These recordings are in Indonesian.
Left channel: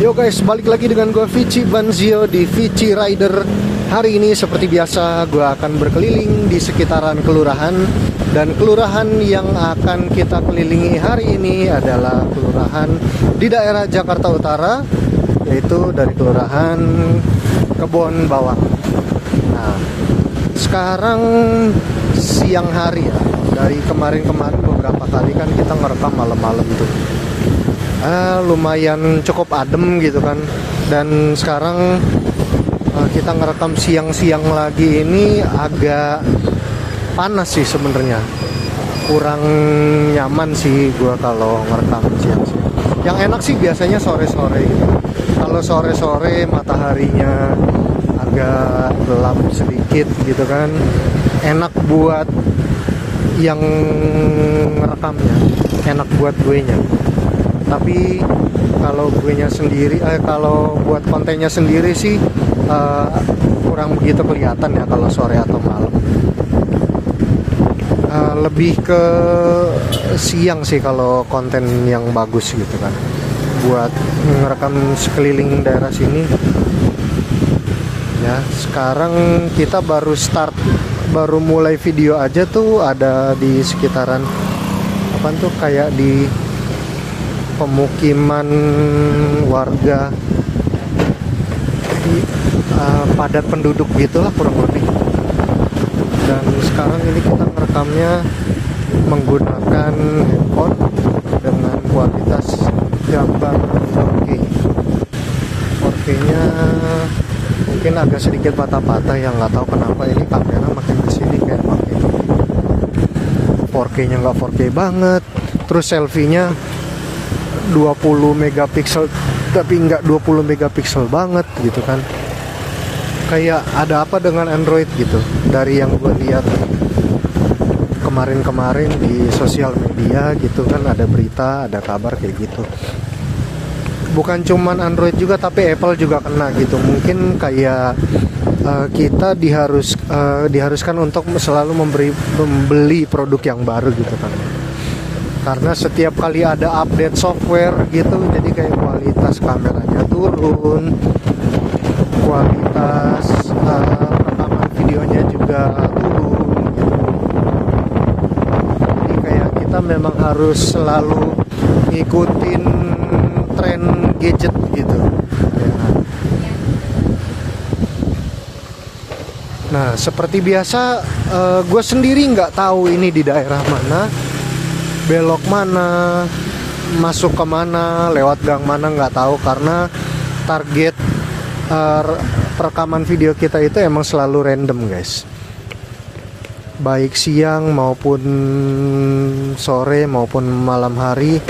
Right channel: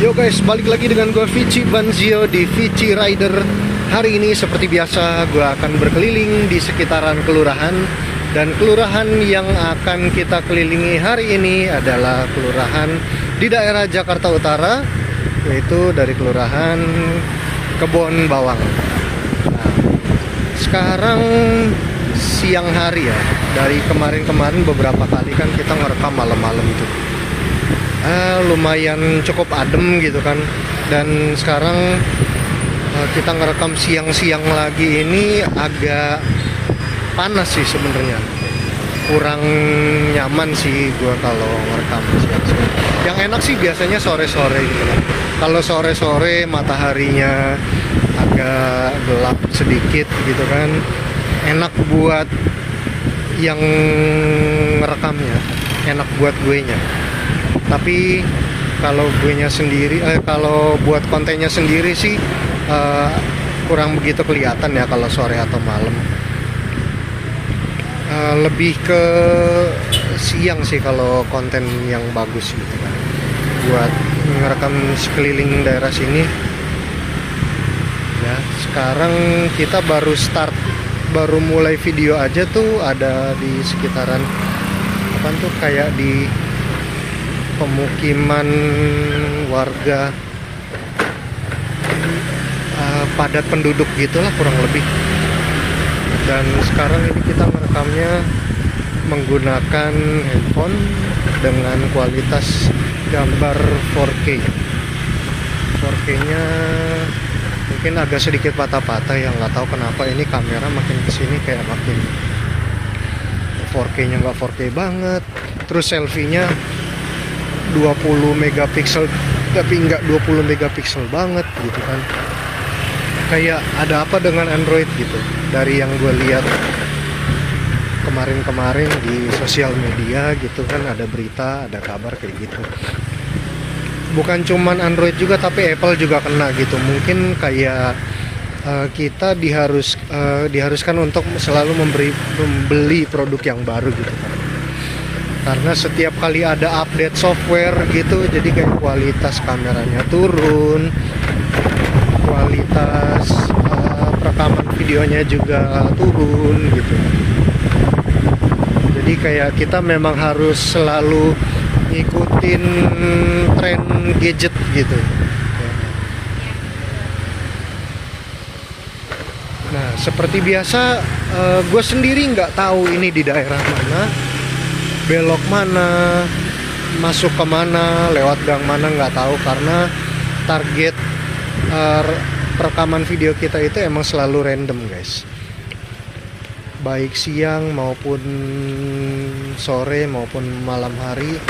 Yo guys, balik lagi dengan gue Vici Banzio di Vici Rider. Hari ini seperti biasa gue akan berkeliling di sekitaran kelurahan. Dan kelurahan yang akan kita kelilingi hari ini adalah kelurahan di daerah Jakarta Utara, yaitu dari kelurahan Kebon Bawang. Nah, sekarang siang hari ya. Dari kemarin-kemarin beberapa kali kan kita ngerekam malam-malam tuh. Lumayan cukup adem gitu kan. Dan sekarang kita ngerekam siang-siang lagi, ini agak panas sih sebenarnya. Kurang nyaman sih gua kalau ngerekam siang-siang. Yang enak sih biasanya sore-sore gitu. Kalau sore-sore mataharinya agak gelap sedikit gitu kan, enak buat yang ngerekamnya, enak buat gue nya. Tapi kalau gue nya sendiri, kalau buat kontennya sendiri sih kurang begitu kelihatan ya kalau sore atau malam. Lebih ke siang sih kalau konten yang bagus gitu kan, buat ngerekam sekeliling daerah sini. Ya, sekarang kita baru mulai video aja tuh ada di sekitaran apa tuh, kayak di pemukiman warga, padat penduduk gitulah kurang lebih. Dan sekarang ini kita ngerekamnya menggunakan handphone dengan kualitas gambar 4K. 4K-nya mungkin agak sedikit patah-patah, yang nggak tahu kenapa ini kamera makin kesini kayak makin 4K-nya nggak 4K banget. Terus selfie-nya 20 megapiksel tapi nggak 20 megapiksel banget gitu kan. Kayak ada apa dengan Android gitu. Dari yang gue lihat kemarin-kemarin di sosial media gitu kan, ada berita, ada kabar kayak gitu. Bukan cuman Android juga, tapi Apple juga kena gitu. Mungkin kayak kita diharuskan untuk selalu membeli produk yang baru gitu kan. Karena setiap kali ada update software gitu, jadi kayak kualitas kameranya turun, kualitas rekaman videonya juga turun gitu. Jadi kayak kita memang harus selalu ngikutin tren gadget gitu. Nah, seperti biasa gue sendiri nggak tahu ini di daerah mana, belok mana, masuk ke mana, lewat gang mana, nggak tahu. Karena target rekaman video kita itu emang selalu random guys, baik siang maupun sore maupun malam hari.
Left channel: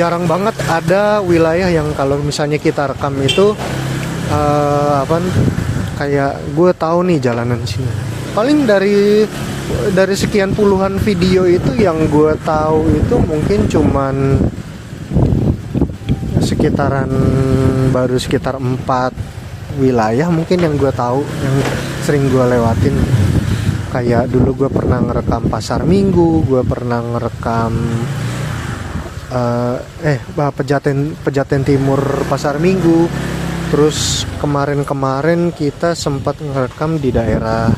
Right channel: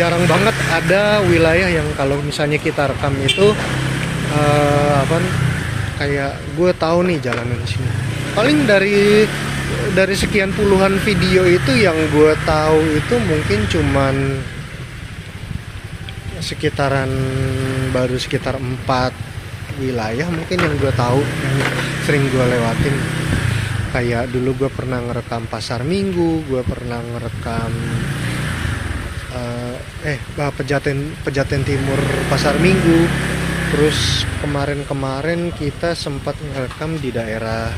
Jarang banget ada wilayah yang kalau misalnya kita rekam itu kayak gue tahu nih jalanan sini. Paling dari sekian puluhan video itu yang gue tahu itu mungkin cuman baru sekitar 4 wilayah mungkin yang gue tahu, yang sering gue lewatin. Kayak dulu gue pernah ngerekam Pasar Minggu, gue pernah ngerekam Pejaten Timur Pasar Minggu. Terus kemarin kita sempat ngerekam di daerah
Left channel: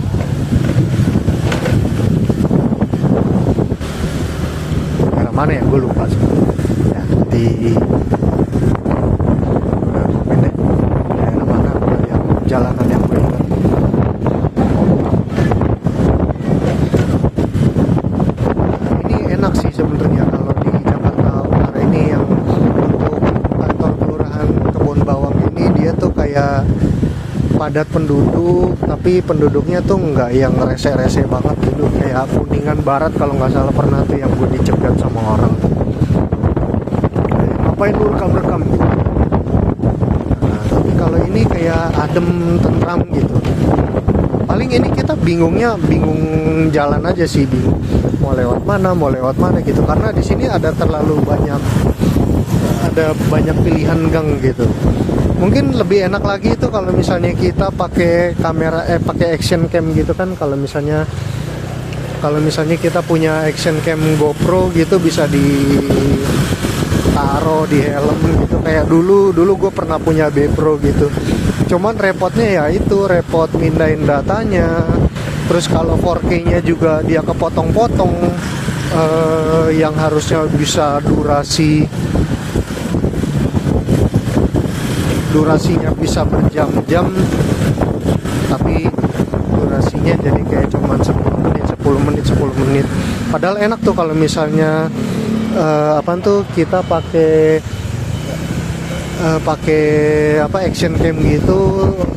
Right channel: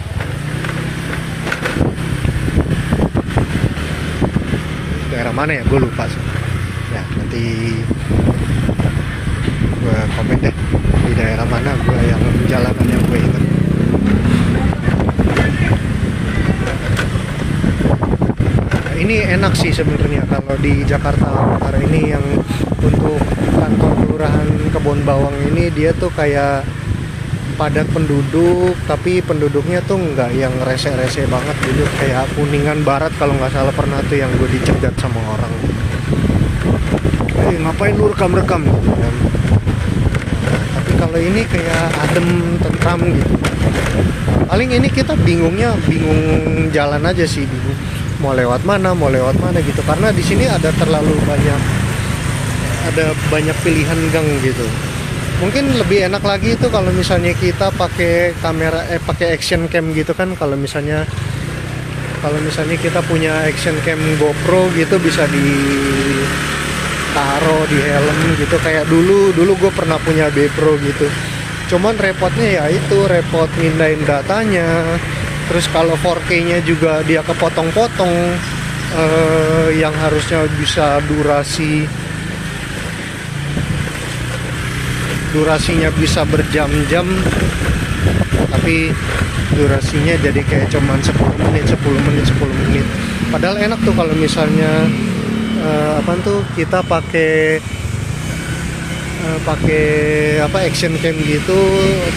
mana ya, gue lupa sebenarnya. Ya, nanti gue komen deh di daerah mana yang jalanan yang gue ingat. Ini enak sih sebenarnya kalau di Jakarta Utara ini, yang untuk kantor kelurahan Kebon Bawang ini, dia tuh kayak padat penduduk, tapi penduduknya tuh nggak yang rese-rese banget gitu. Kayak Kuningan Barat kalau nggak salah pernah tuh yang gue dicegat sama orang. Ngapain lu rekam-rekam gitu. Nah, tapi kalau ini kayak adem, tentram gitu. Paling ini kita bingung jalan aja sih, bingung mau lewat mana gitu. Karena di sini ada banyak pilihan gang gitu. Mungkin lebih enak lagi itu kalau misalnya kita pakai kamera pakai action cam gitu kan. Kalau misalnya kita punya action cam GoPro gitu, bisa di taro di helm gitu. Kayak dulu gue pernah punya B-Pro gitu, cuman repotnya ya itu, repot mindahin datanya. Terus kalau 4K-nya juga dia kepotong-potong, yang harusnya bisa durasinya bisa berjam-jam, tapi durasinya jadi kayak cuman 10 menit. Padahal enak tuh kalau misalnya kita pakai action cam gitu,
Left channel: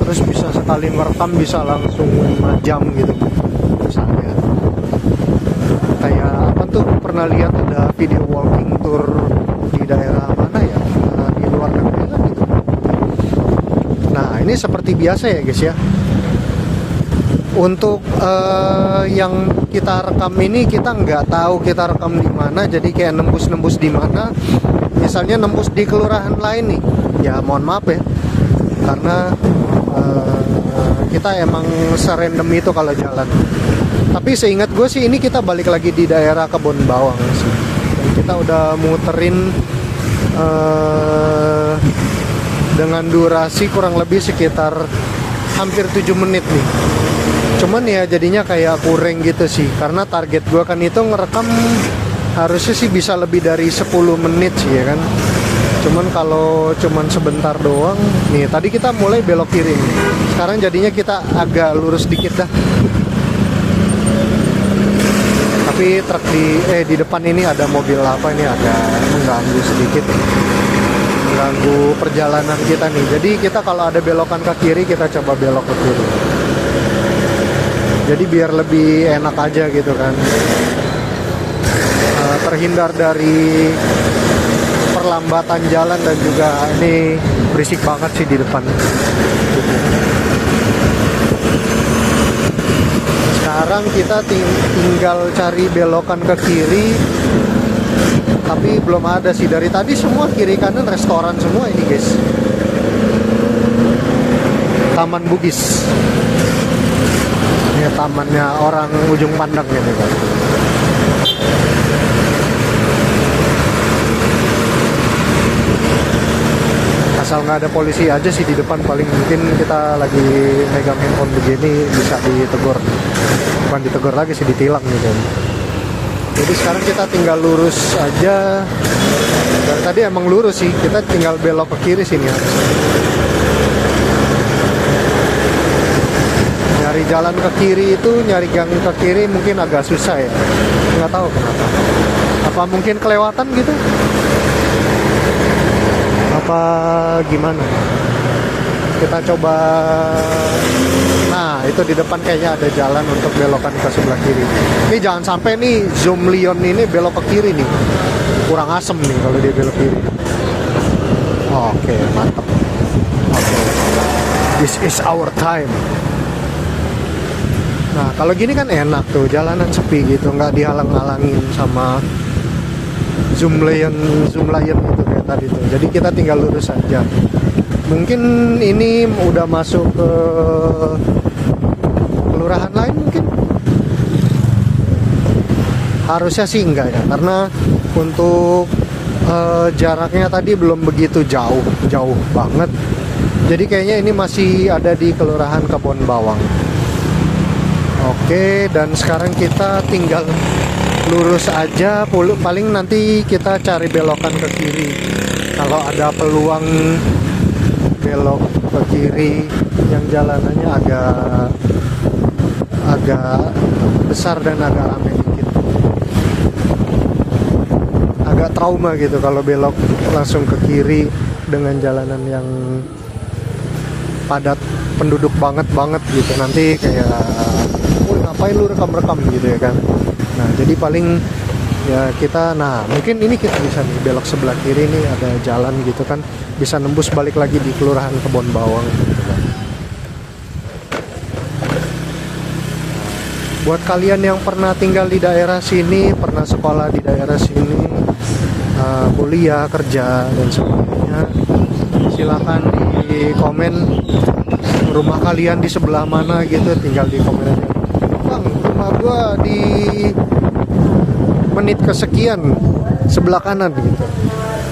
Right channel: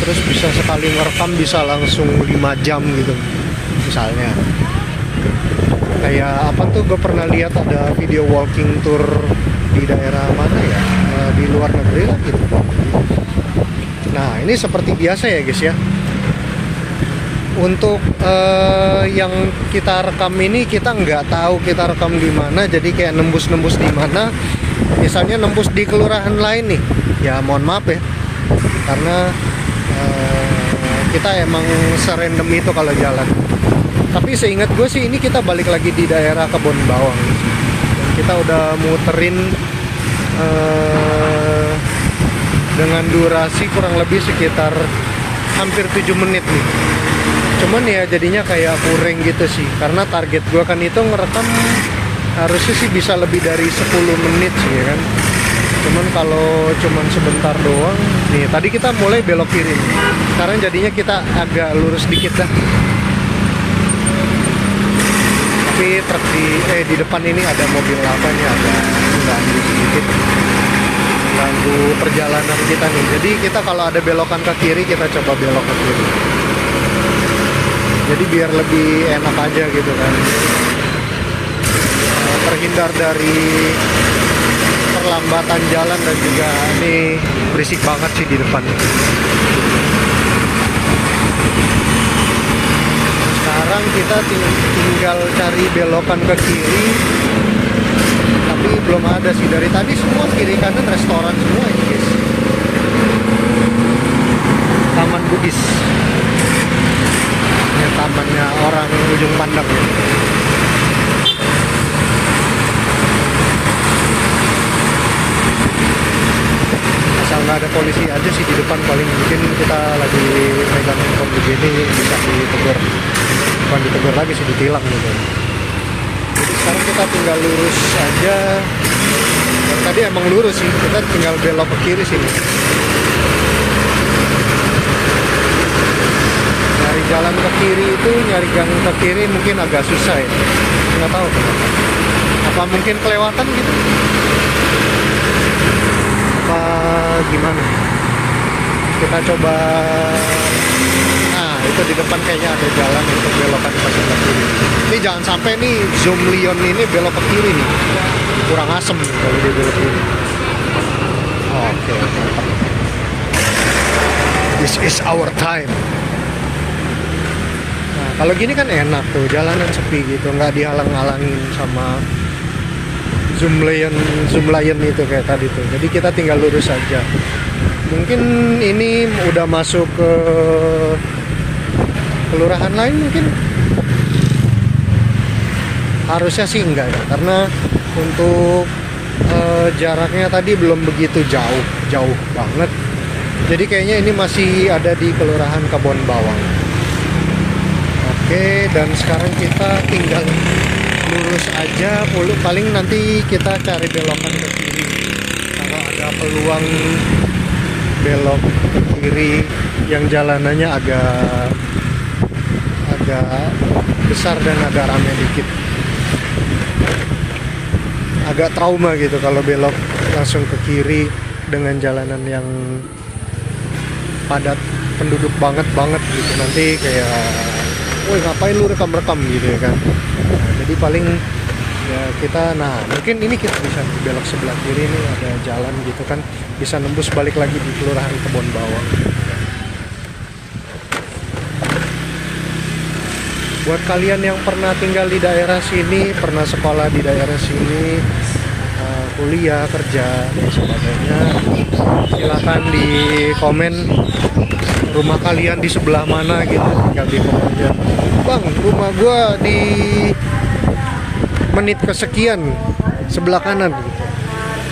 terus bisa sekali ngerekam bisa langsung 5 jam gitu misalnya. Kayak gue pernah lihat ada video walking tour di daerah mana ya, di luar negeri lah gitu. Nah ini seperti biasa ya guys ya, untuk yang kita rekam ini kita nggak tahu kita rekam di mana, jadi kayak nembus di mana. Misalnya nembus di kelurahan lain nih, ya mohon maaf ya, karena kita emang serandom itu kalau jalan. Tapi seingat gue sih ini kita balik lagi di daerah Kebon Bawang sih, dan kita udah muterin dengan durasi kurang lebih sekitar hampir 7 menit nih. Cuman ya jadinya kayak kurang gitu sih, karena target gue kan itu ngerekam harusnya sih bisa lebih dari 10 menit sih ya kan. Cuman kalau cuman sebentar doang nih, tadi kita mulai belok kiri nih, sekarang jadinya kita agak lurus dikit dah. Tapi truk di depan ini ada mobil apanya, ada mengganggu sedikit, mengganggu perjalanan kita nih. Jadi kita kalau ada belokan ke kiri, kita coba belok ke kiri, jadi biar lebih enak aja gitu kan, terhindar dari perlambatan jalan. Dan juga ini berisik banget sih di depan. Sekarang kita tinggal cari belokan ke kiri, tapi belum ada sih. Dari tadi semua kiri kanan restoran semua ini guys. Taman Bugis, ya tamannya orang ujung pandang gitu. Asal nggak ada polisi aja sih di depan, paling mungkin kita lagi megang handphone begini bisa ditegur, bukan ditegur lagi sih, ditilang gitu. Jadi sekarang kita tinggal lurus aja, dan tadi emang lurus sih, kita tinggal belok ke kiri sini. Nyari jalan ke kiri itu, nyari jalan ke kiri mungkin agak susah ya, nggak tahu kenapa. Apa mungkin kelewatan gitu? Apa gimana? Kita coba. Nah itu di depan kayaknya ada jalan untuk belokan ke sebelah kiri. Ini jangan sampai nih Zoom Lion ini belok ke kiri nih, kurang asem nih kalau dia belok kiri. Oke, mantap. This is our time. Nah kalau gini kan enak tuh, jalanan sepi gitu, nggak dihalang-halangin sama Zoom Lion itu kayak tadi tuh. Jadi kita tinggal lurus aja. Mungkin ini udah masuk ke kelurahan lain mungkin. Harusnya sih enggak ya, karena untuk jaraknya tadi belum begitu jauh banget. Jadi kayaknya ini masih ada di kelurahan Kebon Bawang. Oke, dan sekarang kita tinggal lurus aja, paling nanti kita cari belokan ke kiri. Kalau ada peluang belok ke kiri yang jalanannya agak besar dan agak rame dikit. Agak trauma gitu kalau belok langsung ke kiri dengan jalanan yang padat penduduk banget gitu. Nanti kayak, woi ngapain lu rekam gitu ya kan. Nah jadi paling ya kita, mungkin ini kita bisa belok sebelah kiri nih, ada jalan gitu kan, bisa nembus balik lagi di kelurahan Kebon Bawang gitu kan. Buat kalian yang pernah tinggal di daerah sini, pernah sekolah di daerah sini, kuliah, kerja dan sebagainya, silakan di komen rumah kalian di sebelah mana gitu, tinggal di komen aja. Bang, rumah gua di menit kesekian sebelah kanan gitu.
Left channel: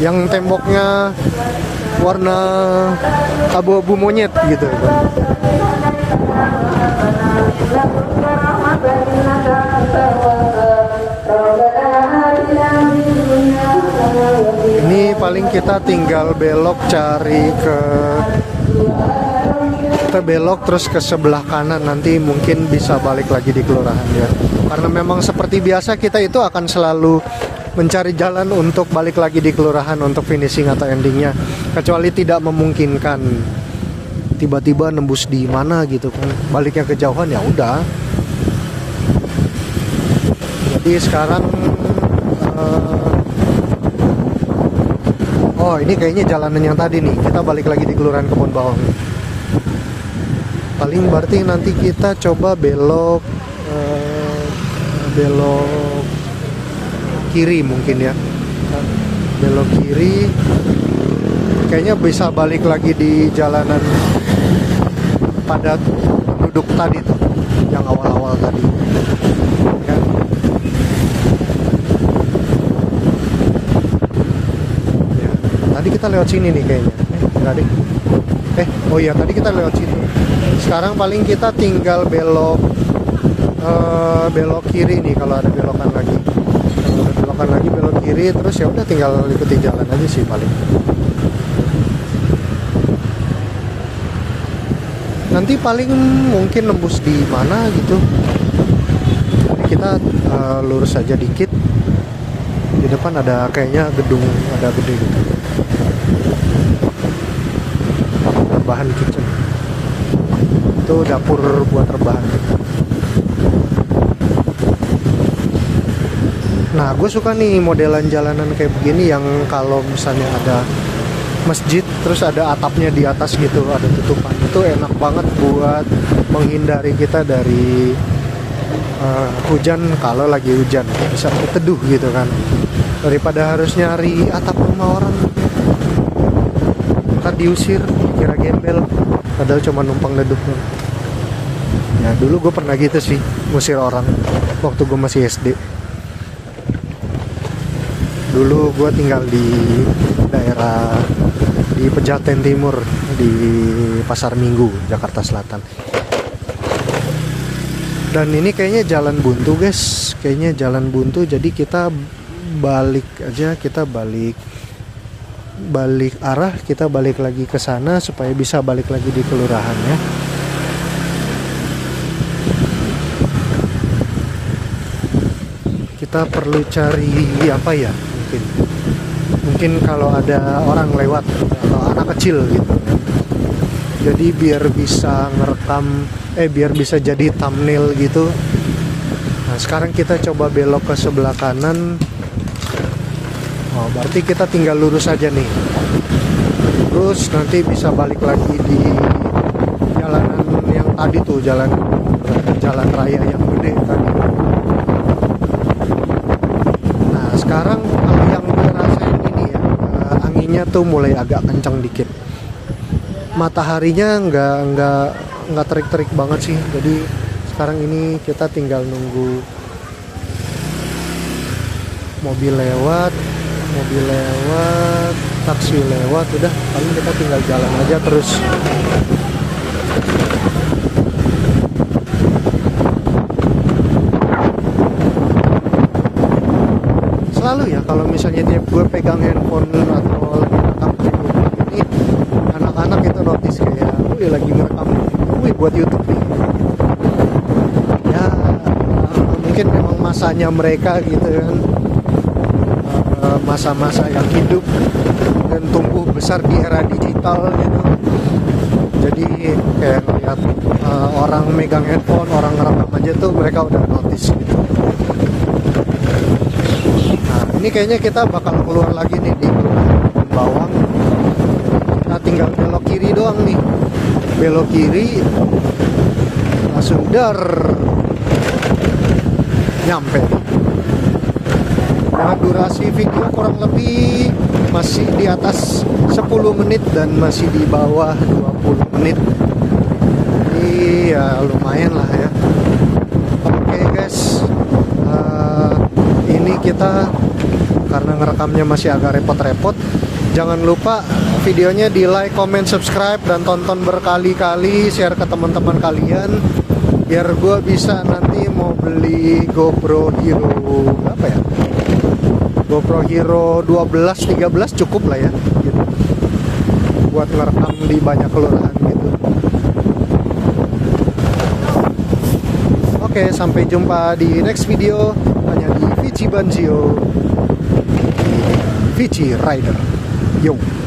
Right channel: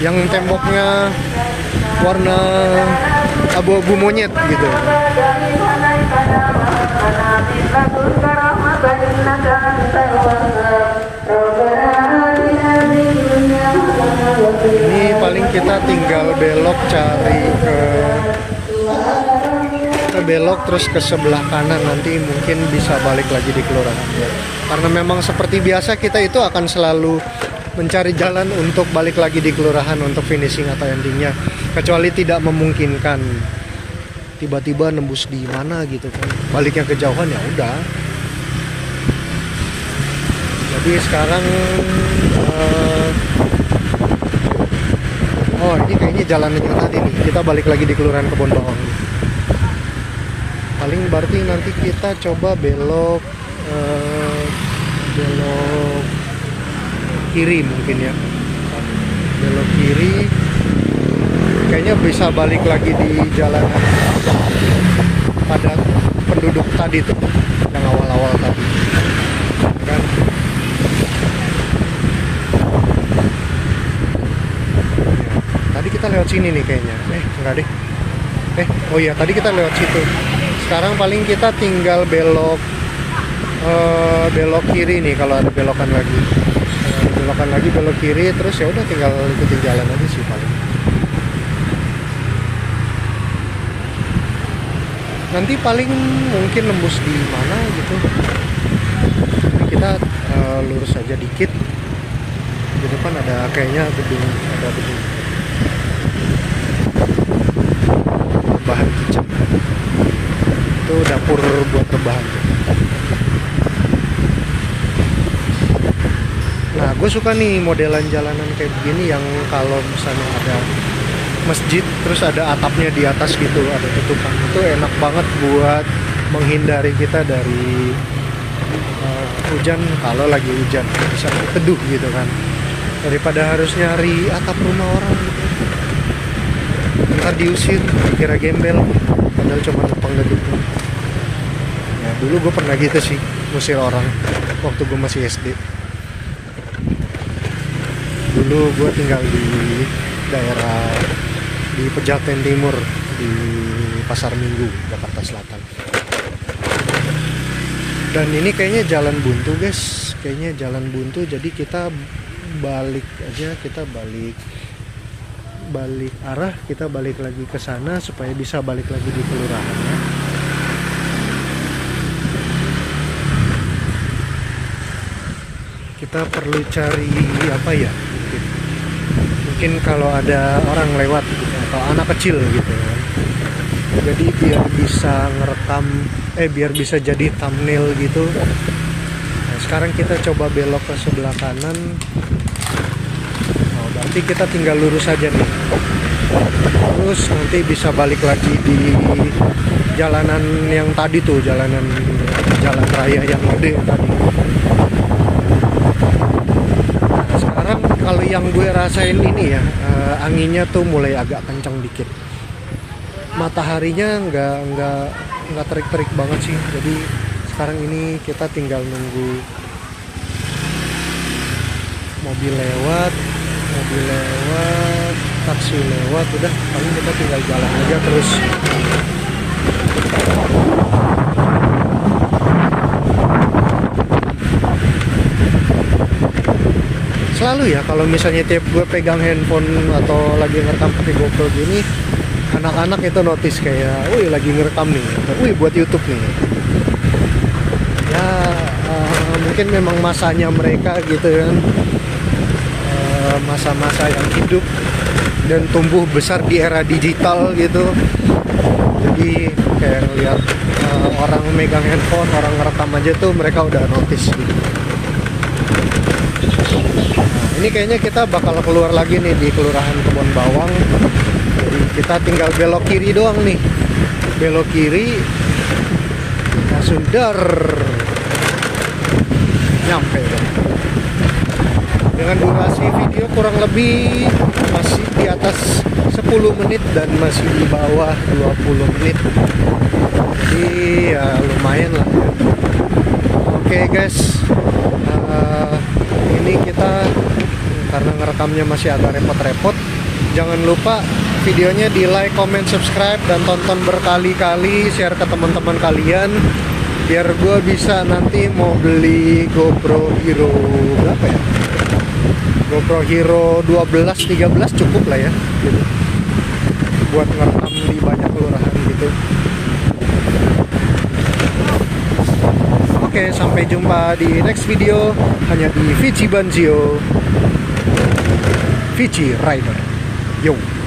yang temboknya warna abu-abu monyet gitu. Ini paling kita tinggal belok cari kita belok terus ke sebelah kanan, nanti mungkin bisa balik lagi di kelurahan ya. Karena memang seperti biasa kita itu akan selalu mencari jalan untuk balik lagi di kelurahan untuk finishing atau endingnya, kecuali tidak memungkinkan tiba-tiba nembus di mana gitu kan, baliknya kejauhan ya udah. Jadi sekarang oh ini kayaknya jalanan yang tadi nih, kita balik lagi di kelurahan Kebon Bawang. Paling berarti nanti kita coba belok kiri mungkin ya, belok kiri kayaknya bisa balik lagi di jalanan padat penduduk tadi tuh, yang awal-awal tadi kan. Tadi kita lewat sini nih kayaknya, enggak deh, oh iya tadi kita lewat situ. Sekarang paling kita tinggal belok kiri nih, kalau ada belokan lagi. Kalau ada belokan lagi belok kiri, terus ya udah tinggal ikutin jalan aja sih paling. Nanti paling mungkin nembus di mana gitu. Kita lurus aja dikit. Di depan ada kayaknya gedung gitu. Rebahan kicap. Itu dapur buat rebahan. Nah, gue suka nih modelan jalanan kayak begini yang kalau misalnya ada masjid terus ada atapnya di atas gitu, ada tutupan. Itu enak banget buat menghindari kita dari hujan kalau lagi hujan, bisa teduh gitu kan. Daripada harus nyari atap rumah orang gitu. Ntar diusir, kira gembel, padahal cuma numpang duduk doang. Nah dulu gue pernah gitu sih, ngusir orang waktu gue masih SD. Dulu gue tinggal di daerah di Pejaten Timur, di Pasar Minggu, Jakarta Selatan. Dan ini kayaknya jalan buntu guys, kayaknya jalan buntu, jadi kita balik aja, kita balik arah, kita balik lagi ke sana supaya bisa balik lagi di kelurahan ya. Kita perlu cari apa ya, mungkin kalau ada orang lewat atau anak kecil gitu kan. Jadi biar bisa ngerekam, biar bisa jadi thumbnail gitu. Nah sekarang kita coba belok ke sebelah kanan. Oh, berarti kita tinggal lurus aja nih. Terus nanti bisa balik lagi di jalanan yang tadi tuh, jalan raya yang gede tadi. Nah, sekarang kalau yang gue rasain ini ya, anginnya tuh mulai agak kencang dikit. Mataharinya nggak terik-terik banget sih. Jadi sekarang ini kita tinggal nunggu mobil lewat, taksi lewat, udah paling kita tinggal jalan aja terus. Selalu ya kalau misalnya tiap gue pegang handphone atau lagi ngerekam pakai GoPro gini, anak-anak itu notice kayak, wih lagi ngerekam nih, wih buat YouTube nih. Ya mungkin memang masanya mereka gitu kan, masa-masa yang hidup dan tumbuh besar di era digital gitu. Jadi kayak ngeliat orang megang handphone, orang ngerekam aja tuh mereka udah notice gitu. Nah ini kayaknya kita bakal keluar lagi nih di Kelurahan Kebon Bawang. Kita tinggal belok kiri doang nih, belok kiri ya sudah nyampe. Dengan durasi video kurang lebih masih di atas 10 menit dan masih di bawah 20 menit. Jadi ya lumayan lah ya. Oke guys, ini kita karena ngerekamnya masih agak repot-repot. Jangan lupa videonya di like, comment, subscribe, dan tonton berkali-kali, share ke teman-teman kalian biar gue bisa nanti mau beli GoPro Hero berapa ya, GoPro Hero 12, 13 cukup lah ya gitu, buat ngerekam di banyak kelurahan gitu. Oke, sampai jumpa di next video hanya di Vici Banzio, Vici Rider. Yo.